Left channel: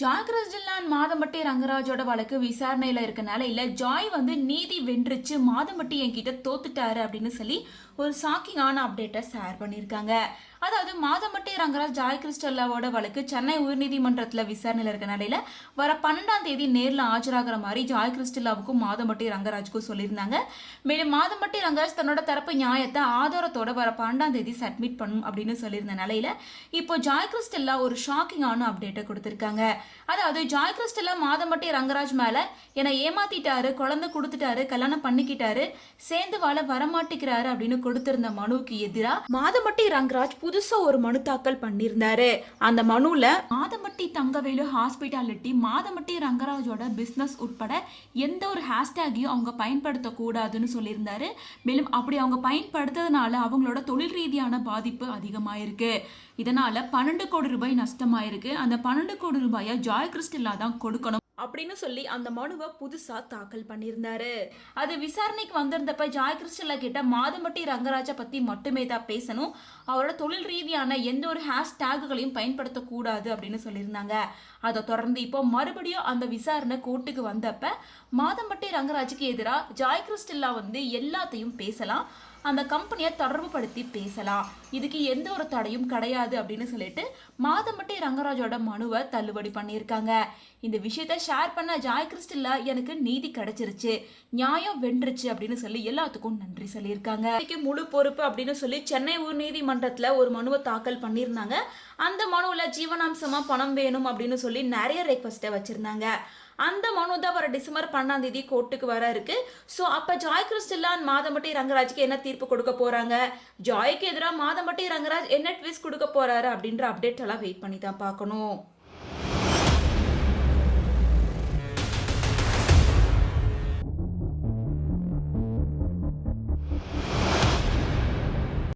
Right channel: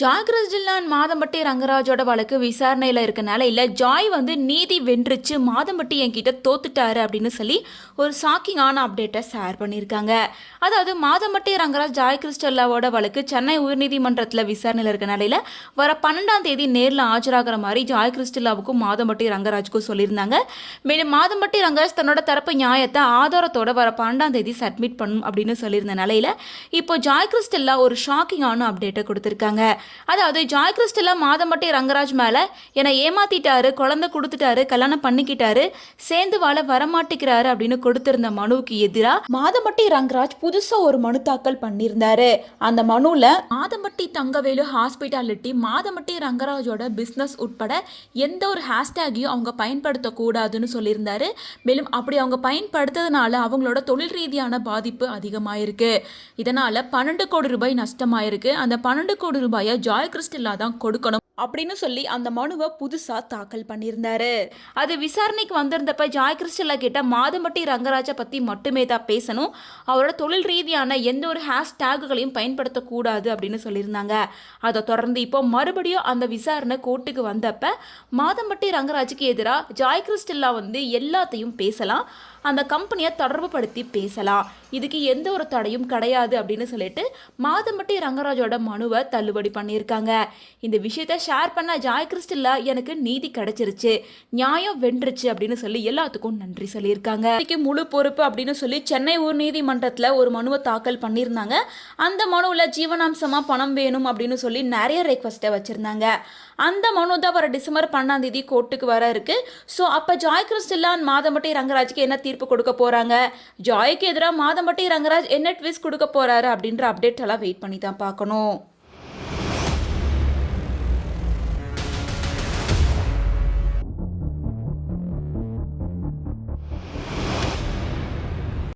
Joy கிறிஸ்டிலான் Madhampatti ரங்கராஜோட வழக்கு விசாரணையில் இருக்கனால இல்லை ஜாய் நீதி வென்றுச்சு மாதம்பட்டி என்கிட்ட தோத்துட்டாரு அப்படின்னு சொல்லி ஒரு ஷாக்கிங்கான அப்டேட்டை ஷேர் பண்ணியிருக்காங்க. அதாவது மாதம்பட்டி ரங்கராஜ் ஜாய் கிறிஸ்டல்லாவோட வழக்கு சென்னை உயர்நீதிமன்றத்தில் விசாரணையில் இருக்க நிலையில் வர 12ஆம் தேதி நேரில் ஆஜராகிற மாதிரி ஜாய் கிறிஸ்டல்லாவுக்கும் மாதம்பட்டி ரங்கராஜுக்கும் சொல்லியிருந்தாங்க. மேலும் மாதம்பட்டி ரங்கராஜ் தன்னோட தரப்பு நியாயத்தை ஆதாரத்தோட வர 12ஆம் தேதி சப்மிட் பண்ணும் அப்படின்னு சொல்லியிருந்த நிலையில் இப்போ ஜாய் கிறிஸ்டல்லா ஒரு ஷாக்கிங்கான அப்டேட்டை கொடுத்துருக்காங்க. அதாவது ஜாய் கிறிஸ்டலா மாதம்பட்டி ரங்கராஜ் மேல என்னை ஏமாத்திட்டாரு, குழந்தை கொடுத்துட்டாரு, கல்யாணம் பண்ணிக்கிட்டாரு, சேர்ந்து வாழ வரமாட்டிக்கிறாரு அப்படின்னு கொடுத்திருந்த மனுவுக்கு எதிராக மாதம்பட்டி ரங்கராஜ் புதுசா ஒரு மனு தாக்கல் பண்ணியிருந்தாரு. அந்த மனுல மாதம்பட்டி தங்கவேலு ஹாஸ்பிட்டாலிட்டி மாதம்பட்டி ரங்கராஜோட பிசினஸ் உட்பட எந்த ஒரு ஹேஷ்டேகையும் அவங்க பயன்படுத்தக்கூடாதுன்னு சொல்லியிருந்தாரு. மேலும் அப்படி அவங்க பயன்படுத்துறதுனால அவங்களோட தொழில் ரீதியான பாதிப்பு அதிகமாயிருக்கு. இதனால 12 கோடி ரூபாய் நஷ்டமாயிருக்கு. அந்த 12 கோடி ரூபாயை ஜாய் கிறிஸ்டல்லா தான் கொடுக்கணும் அப்படின்னு சொல்லி அந்த மனுவை புதுசா தாக்கல் பண்ணியிருந்தாரு. அது விசாரணைக்கு வந்திருந்தப்ப ஜாய் கிறிஸ்டல்லா கிட்ட மாதம்பட்டி ரங்கராஜை பத்தி மட்டுமே தான் பேசணும், அவரோட தொழில் ரீதியான எந்த ஒரு ஹேஷ்டேக்குகளையும் பயன்படுத்தக்கூடாது அப்படின்னு சொல்லியிருந்தாங்க. அதை தொடர்ந்து இப்போ மறுபடியும் அந்த விசாரணை கோர்ட்டுக்கு வந்தப்ப மாதம்பட்டி ரங்கராஜுக்கு எதிராக ஜாய் கிறிஸ்டல்லா எல்லாத்தையும் பேசலாம், அந்த கம்பெனியை தொடர்பு படுத்தி பேசலாம், இதுக்கு எந்த ஒரு தடையும் கிடையாது அப்படின்னு சொல்லிட்டு மாதம்பட்டி ரங்கராஜோட மனுவை தள்ளுபடி பண்ணியிருக்காங்க. இந்த விஷயத்தை ஷேர் பண்ண ஜாய் கிறிஸ்டல்லா எனக்கு நீதி கிடைச்சிருச்சு, நியாயம் வென்றுச்சு அப்படின்னு சொல்லி எல்லாத்துக்கும் நன்றி சொல்லியிருக்காங்க. இதுக்கு முழு பொறுப்பு அப்படின்னு சொல்லி சென்னை உயர் நீதிமன்றத்தில் ஒரு மனுவை தாக்கல் பண்ணியிருந்தாங்க. அந்த மனுவில் ஜீவனாம்சமா பணம் வேணும் அப்படின்னு சொல்லி நிறைய ரெக்வஸ்ட்டை வச்சிருந்தாங்க. அந்த மனு தான் வர டிசம்பர் 12ஆம் தேதி கோர்ட்டுக்கு வர இருக்கு. ஸோ அப்போ ஜாய் கிறிஸ்டல்லான் மாதம்பட்டி ரங்கராஜுக்கு என்ன தீர்ப்பு கொடுக்க போறாங்க, ஜாய்க்கு எதிராக மாதம்பட்டி ரங்கராஜ் என்ன ட்விஸ்ட் கொடுக்க போறாரு அப்படின்ற அப்டேட் எல்லாம் வெயிட் பண்ணி தான் பார்க்கணும்.